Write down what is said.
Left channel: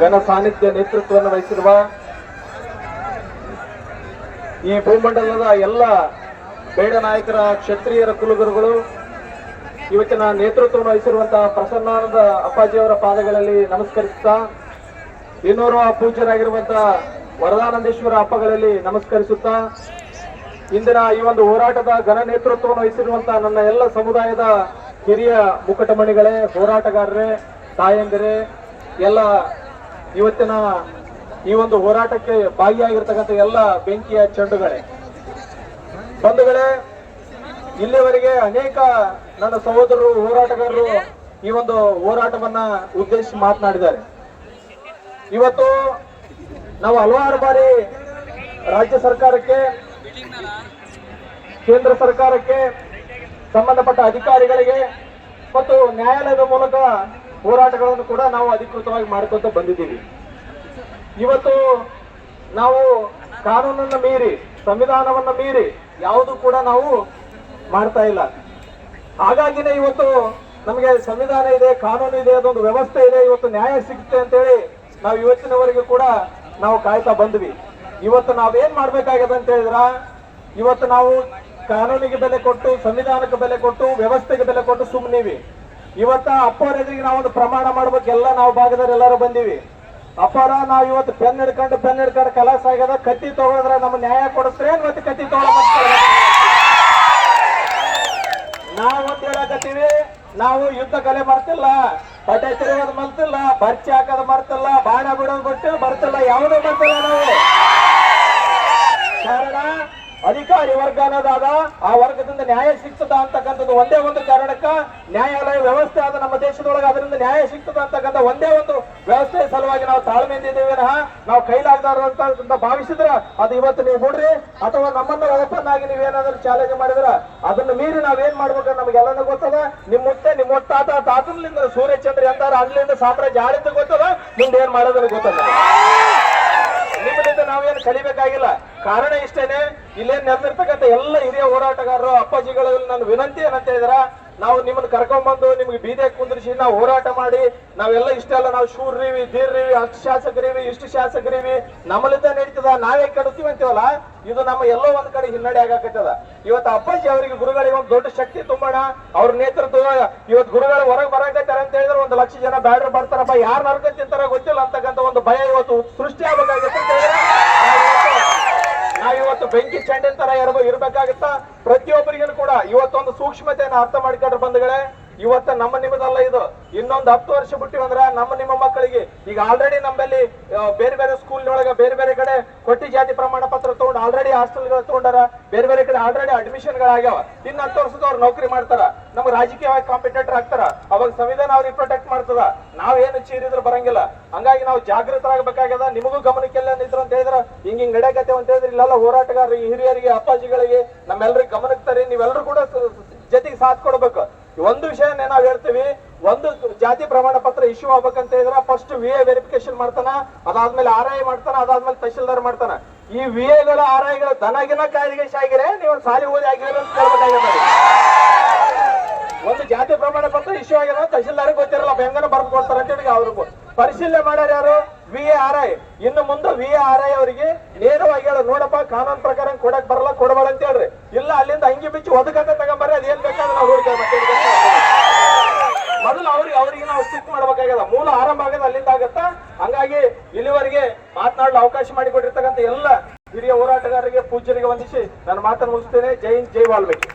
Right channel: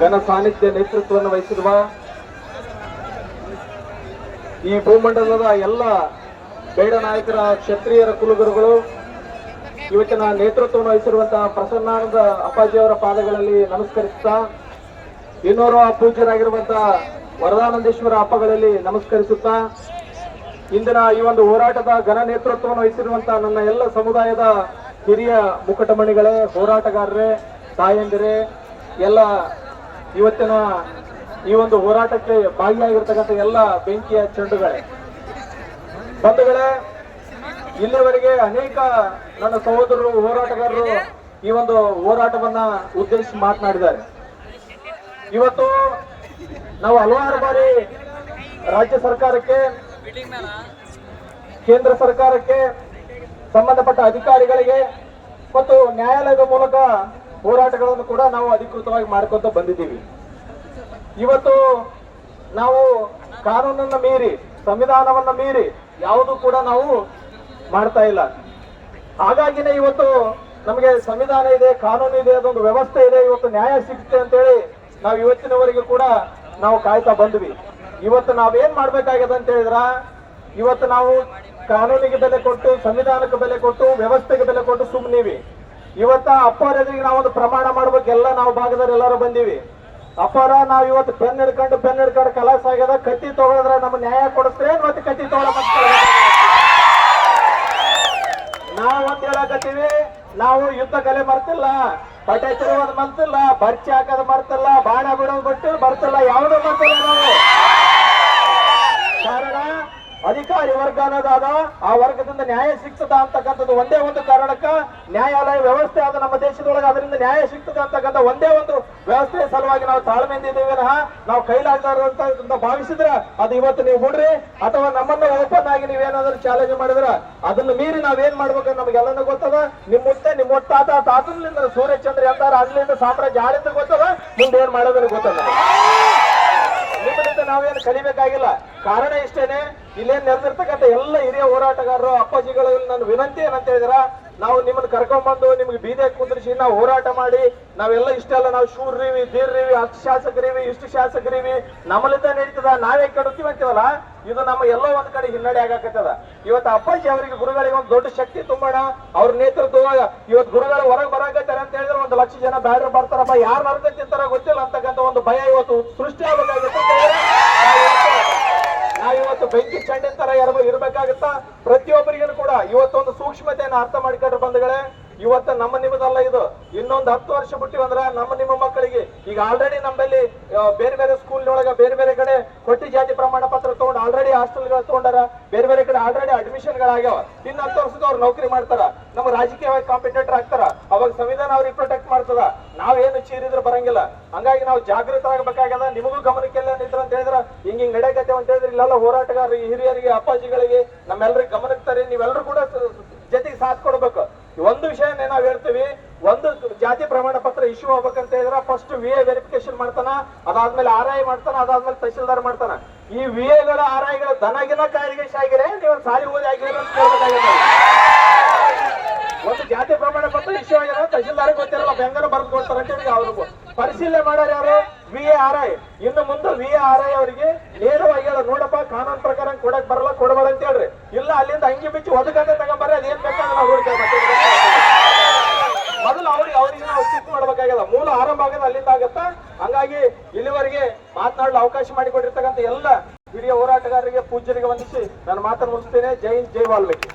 ಘನ ಸಾನ್ನಿಧ್ಯ ನೇತೃತ್ವವನ್ನು ವಹಿಸಿರುವ ಈ ಭೂಮಂಡಲದ ಎಲ್ಲ ಬೇಡ ನಾಯಕರ ಕ್ಷತ್ರಿಯರ ಕುಲಗುರುಗಳು ಇವತ್ತಿನ ನೇತೃತ್ವವನ್ನು ವಹಿಸಿರುವಂತಹ ಪ್ರಸನ್ನಾನಂದ ಅಪ್ಪಾಜಿಯವರ ಪಾದಗಳಲ್ಲಿ ನಮಸ್ಕರಿಸುತ್ತಾ, ಇನ್ನೋರ್ವ ಪೂಜ್ಯರಾಗಿರುವಂತಹ ವರದಾನಂದೇಶ್ವರ ಅಪ್ಪಗಳಲ್ಲಿ ನಮಸ್ಕರಿಸುತ್ತಾ, ಇಂದಿನ ಈ ಒಂದು ಹೋರಾಟದ ಘನ ನೇತೃತ್ವವನ್ನು ವಹಿಸಿರುವಂತಹ ನನ್ನ ಎಲ್ಲ ಸಮುದಾಯದ ಹಿರಿಯ ಮುಕಟಮಣಿಗಳೇ, ಹೋರಾಟಗಾರರೇ, ತಾಯಂದಿರೇ, ಎಲ್ಲ ಇವತ್ತಿನ ಈ ಒಂದು ಹೋರಾಟಕ್ಕೆ ಭಾಗಿಯಾಗಿರ್ತಕ್ಕಂಥ ಎಲ್ಲ ಬೆಂಕಿಯ ಚೆಂಡುಗಳೇ, ಬಂಧುಗಳೇ, ಇಲ್ಲಿವರೆಗೆ ಅನೇಕ ನನ್ನ ಸಹೋದರರು ಹೋರಾಟಗಾರರು ಈ ಒಂದು ಹೋರಾಟವನ್ನ ಉದ್ದೇಶಿಸಿ ಮಾತನಾಡಿದ್ದಾರೆ. ಇವತ್ತು ನಾವು ಹಲವಾರು ಬಾರಿ ರಾಜ್ಯ ಸರ್ಕಾರಕ್ಕೆ, ಕೇಂದ್ರ ಸರ್ಕಾರಕ್ಕೆ, ಸಂಬಂಧಪಟ್ಟ ಅಧಿಕಾರಿಗಳಿಗೆ ಮತ್ತು ನ್ಯಾಯಾಲಯದ ಮೂಲಕ ಹೋರಾಟಗಳನ್ನು ಕೂಡ ನಾವು ಅಧಿಕೃತವಾಗಿ ಮಾಡ್ಕೊಂತ ಬಂದಿದ್ದೀವಿ. ಇವತ್ತು ನಾವು ಕಾನೂನನ್ನ ಮೀರಿ, ಸಂವಿಧಾನವನ್ನ ಮೀರಿ ಯಾವುದು ಕೂಡ ನಾವು ಮಾಡ್ತಾ ಇಲ್ಲ. ಹಾಗಾಗಿನೇ ಇವತ್ತು ನಮಗೆ ಸಂವಿಧಾನ ಇದೆ, ಕಾನೂನು ಇದೆ, ಅದೊಂದು ವ್ಯವಸ್ಥೆ ಇದೆ, ಇವತ್ತು ನ್ಯಾಯ ಸಿಗುತ್ತೆ ಅಂತೇಳಿ ನಾವು ಇವತ್ತಿನವರೆಗೂ ಕೂಡ ನಾವು ಕಾಯ್ತಾ ಬಂದ್ವಿ. ಇವತ್ತು ನಾವೇನ್ ಮಾಡ್ಬೇಕಾಗಿದೆ ಅಂತ ಹೇಳಿದ್ರ, ಇವತ್ತು ನಾವು ಕಾನೂನಿಗೆ ಬೆಲೆ ಕೊಟ್ಟು, ಸಂವಿಧಾನಕ್ಕೆ ಬೆಲೆ ಕೊಟ್ಟು, ವ್ಯವಸ್ಥೆಗೆ ಬೆಲೆ ಕೊಟ್ಟು ಸುಮ್ಮನಿವಿ. ಇವತ್ತ ಅಪ್ಪರ ಎದುರಿಗೆ ನಾವೊಂದು ಪ್ರಮಾಣ ಮಾಡ್ಬೇಕೆಲ್ಲ ನಾವು ಭಾಗದವ್ರು ಎಲ್ಲರೂ ಬಂದೀವಿ. ಅಪ್ಪರ ನಾವ್ ಇವತ್ತು ಪೆನ್ ಹಿಡ್ಕೊಂಡು ಕಲಾಸ ಆಗ್ಯದ, ಕತ್ತಿ ತಗೊಳಿದ್ರೆ ನಮ್ಮ ನ್ಯಾಯ ಕೊಡಿಸ್ರೆ ಮತ್ತೆ ಕತ್ತಿ ತಗೊಳ ನಾವು ಅಂತ ಹೇಳಕತ್ತೀವಿ. ನಾವು ಯುದ್ಧ ಕಲೆ ಮರ್ತಿಲ್ಲ, ಪಟೆ ತಿರುಗೋದು ಮರ್ತಿಲ್ಲ, ಬರ್ಚಿ ಹಾಕೋದು ಮರ್ತಿಲ್ಲ, ಬಾಣ ಬಿಡೋದು ಗೊತ್ತಿಲ್ಲ ಮರ್ತಿಲ್ಲ, ಯಾವುದೂ ಮರ್ತಿಲ್ಲ ನಾವು. ಕಾರಣ ಅಧಿಕಾರಿ ವರ್ಗ ಅನ್ನೋದಾದ ಆ ವರ್ಗದಿಂದ ನ್ಯಾಯ ಸಿಗ್ತದ ಅಂತಕ್ಕಂಥದ್ದು ಒಂದೇ ಒಂದು ಕಾರಣಕ್ಕ ನ್ಯಾಯಾಲಯ ವ್ಯವಸ್ಥೆ ಆದ ನಮ್ಮ ದೇಶದೊಳಗೆ, ಅದರಿಂದ ನ್ಯಾಯ ಸಿಗ್ತದ ಅಂತಕ್ಕಂಥ ಒಂದೇ ಒಂದು ವ್ಯವಸ್ಥೆಯ ಸಲುವಾಗಿ ನಾವು ತಾಳ್ಮೆಯಿಂದ ಇದ್ದೇವೆ. ನಾವು ಕೈಲಾಗದಾರ ಅಂತ ಭಾವಿಸಿದ್ರ ಅದು ಇವತ್ತು ನೀವು ಬಿಡ್ರಿ, ಅಥವಾ ನಮ್ಮನ್ನ ಓಪನ್ ಆಗಿ ನೀವೇನಾದ್ರೂ ಚಾಲೆಂಜ್ ಮಾಡಿದ್ರ ಅದನ್ನ ಮೀರಿ ನಾವೇನ್ ಮಾಡ್ಬೇಕಂತ ನಮ್ಗೆಲ್ಲನೂ ಗೊತ್ತದ. ನಿಮ್ಮ ತಾತನಿಂದ ಸೂರ್ಯಚಂದ್ರ ಅಂತಾರ, ಅಲ್ಲಿಂದ ಸಾಮ್ರಾಜ್ಯ ಆಳಿಂದ ಗೊತ್ತದ, ಮುಂದೆ ಏನ್ ಮಾಡೋದ್ರ ಗೊತ್ತದ. ನಿಮ್ಮಿಂದ ನಾವೇನು ಕಲಿಬೇಕಾಗಿಲ್ಲ. ಕಾರಣ ಇಷ್ಟೇನೆ, ಇಲ್ಲೇನ್ ನೆರೆದಿರ್ತಕ್ಕಂಥ ಎಲ್ಲ ಹಿರಿಯ ಹೋರಾಟಗಾರರು ಅಪ್ಪಾಜಿಗಳಲ್ಲಿ ನನ್ನ ವಿನಂತಿ ಏನಂತ ಹೇಳಿದ್ರ, ನಾವು ನಿಮ್ಮನ್ನ ಕರ್ಕೊಂಡ್ಬಂದು ನಿಮ್ಗೆ ಬೀದಿಗೆ ಕುಂದ್ರಿಸಿ ನಾವು ಹೋರಾಟ ಮಾಡಿ ನಾವೆಲ್ಲ ಇಷ್ಟೆಲ್ಲ ನಾವು ಶೂರ್ರೀವಿ, ಧೀರ್ರೀವಿ, ಅಷ್ಟು ಶಾಸಕರಿವಿ, ಇಷ್ಟು ಶಾಸಕರಿವಿ, ನಮ್ಮಲ್ಲಿದ್ದ ನಡೀತದ, ನಾವೇ ಕೆಡುತ್ತೀವಿ ಅಂತೀವಲ್ಲ, ಇದು ನಮ್ಮ ಎಲ್ಲೋ ಒಂದ್ ಕಡೆ ಹಿನ್ನಡೆ ಆಗಾಕತ್ತದ. ಇವತ್ತು ಅಪ್ಪಾಜಿ ಅವರಿಗೆ ಗುರುಗಳಿಗೆ ಒಂದು ದೊಡ್ಡ ಶಕ್ತಿ ತುಂಬೋಣ. ಅವ್ರ ನೇತೃತ್ವ ಇವತ್ತು ಗುರುಗಳು ಹೊರಗೆ ಬರಾಕತ್ತಾರ ಅಂತ ಹೇಳಿದ್ರೆ 1 ಲಕ್ಷ ಜನ ಬ್ಯಾಡ್ರ್ ಬರ್ತಾರಪ್ಪ, ಯಾರು ಹೊರಗೆ ತಿಂತಾರ ಗೊತ್ತಿಲ್ಲ ಅಂತಕ್ಕಂಥ ಒಂದು ಭಯ ಇವತ್ತು ಸೃಷ್ಟಿ ಆಗಬೇಕಾಗುತ್ತೆ. ನಾವಿವತ್ತು ಬೆಂಕಿ ಚಂಡಿನ ತರ ಇರ್ಬೇಕಾಗತ್ತ. ಪ್ರತಿಯೊಬ್ಬರಿಗೂ ಕೂಡ ಇವತ್ತೊಂದು ಸೂಕ್ಷ್ಮತೆಯನ್ನು ಅರ್ಥ ಮಾಡ್ಕೊಂಡ್ರೆ ಬಂಧುಗಳೇ, ಇವತ್ತ ನಮ್ಮ ನಿಮ್ಮದಲ್ಲ, ಇದು ಇನ್ನೊಂದು 10 ವರ್ಷ ಬಿಟ್ಟಿವಂದ್ರ ನಮ್ಮ ನಿಮ್ಮ ಮಕ್ಕಳಿಗೆ ಈಗ ಆಲ್ರೆಡಿ ನಮ್ಮಲ್ಲಿ ಬೇರೆ ಬೇರೆ ಸ್ಕೂಲ್ ಒಳಗ ಬೇರೆ ಬೇರೆ ಕಡೆ ಕೊಟ್ಟಿ ಜಾತಿ ಪ್ರಮಾಣ ಪತ್ರ ತಗೊಂಡು ಆಲ್ರೆಡಿ ಹಾಸ್ಟೆಲ್ಗಳು ತಗೊಂಡಾರ, ಬೇರೆ ಬೇರೆ ಕಡೆ ಆಲ್ರೆಡಿ ಅಡ್ಮಿಷನ್ ಗಳಾಗ್ಯಾವ. ಇನ್ನು 10 ವರ್ಷದವ್ರು ನೌಕರಿ ಮಾಡ್ತಾರ, ನಮ್ಮ ರಾಜಕೀಯವಾಗಿ ಕಾಂಪಿಟೇಟರ್ ಆಗ್ತಾರ, ಅವಾಗ ಸಂವಿಧಾನ ಅವ್ರಿಗೆ ಪ್ರೊಟೆಕ್ಟ್ ಮಾಡ್ತದ. ನಾವೇನು ಚೀರಿದ್ರು ಬರಂಗಿಲ್ಲ. ಹಂಗಾಗಿ ನಾವು ಜಾಗೃತರಾಗಬೇಕಾಗ್ಯದ. ನಿಮಗೂ ಗಮನಕ್ಕೆಲ್ಲ ನಿಂತ್ರ ಅಂತ ಹೇಳಿದ್ರ ಹಿಂಗ್ ನಡೆಯಕತ್ತೇವೆ ಅಂತ ಹೇಳಿದ್ರೆ ಇಲ್ಲೆಲ್ಲ ಹೋರಾಟಗಾರರಿಗೆ, ಹಿರಿಯರಿಗೆ, ಅಪ್ಪಾಜಿಗಳಿಗೆ ನಮ್ಮೆಲ್ಲರಿಗೆ ಗಮನಕ್ಕೆ ತರಿ. ನೀವೆಲ್ಲರೂ ಕೂಡ ಜೊತೆಗೆ ಸಾಥ್ ಕೊಡ್ಬೇಕು. ಒಂದು ವಿಷಯನೇ ನಾವ್ ಹೇಳ್ತೀವಿ, ಒಂದು ಜಾತಿ ಪ್ರಮಾಣ ಪತ್ರ ಇಶ್ಯೂ ಆಗ್ಬೇಕಂತ ಹೇಳಿದ್ರೆ ಫಸ್ಟ್ VA ವೆರಿಫಿಕೇಶನ್ ಮಾಡ್ತಾನ, ಅದಾದ್ಮೇಲೆ RI ಮಾಡ್ತಾನ, ಅದಾದ್ಮೇಲೆ ತಹಶೀಲ್ದಾರ್ ಮಾಡ್ತಾನ. ಈ VAಗಳ RIಗಳ ದನಗಿನ ಕಾಯಿಗೆ ಆಗಿರೆ ನೀವು ಸಾಲಿ ಓದಿ ಆಗಿರೋ ಒಂದು ಜಾತಿ ಪ್ರಮಾಣ ಪತ್ರ ಇಶ್ಯೂ ಆಗಿರೋ ತಹಶೀಲ್ದಾರ್ ಗೊತ್ತಿರಲ್ಲ, ಬೆಂಗನ ಬರ್ದು ಕೊಡ್ತಾರ ಅಂತ ಹೇಳಿ ಅವ್ರಿಗೂ ಪರಿಶೀಲನೆ ಮಾಡ್ಯಾರ ಯಾರು? VA RI. ಇನ್ನು ಮುಂದೆ VA RI ಅವರಿಗೆ ನೇರವಾಗಿ ಹೇಳ, ನೋಡಪ್ಪ ಕಾನೂನು ಪ್ರಕಾರ ಕೊಡಕ್ ಬರಲ್ಲ, ಕೊಡಬೇಡ ಅಂತ ಹೇಳ್ರಿ. ಇಲ್ಲ ಅಲ್ಲಿಂದ ಅಂಗಿ ಬಿಚ್ಚಿ ಒದಗಂತ ತಗೊಂಬರ್ರಿ, ಅದೇನ್ ಬೇಕಾದ್ರೆ ನಾವು ಮೊದಲು ಅವ್ರಿಗೆ ನಾವು ಶಿಫ್ಟ್ ಮಾಡ್ಬೇಕಾಗ್ಯದ. ಮೂಲ ಆರಂಭ ಆಗದ ಅಲ್ಲಿಂದ ಆಗತ್ತ. ಹಂಗಾಗಿ ಇಲ್ಲಿವರೆಗೆ ಮಾತನಾಡಲು ಅವಕಾಶ ಮಾಡಿಕೊಟ್ಟಿರ್ತಕ್ಕಂಥ ಎಲ್ಲ ಹಿರಿಯ ಹೋರಾಟಗಾರರಿಗೆ, ಪೂಜ್ಯರಿಗೆ ವಂದಿಸಿ ನಾನು ಮಾತನ್ನು ಮುಗಿಸ್ತೇನೆ. ಜೈ ಹಿಂದ್, ಜೈ ವಾಲ್ಮೀಕಿ.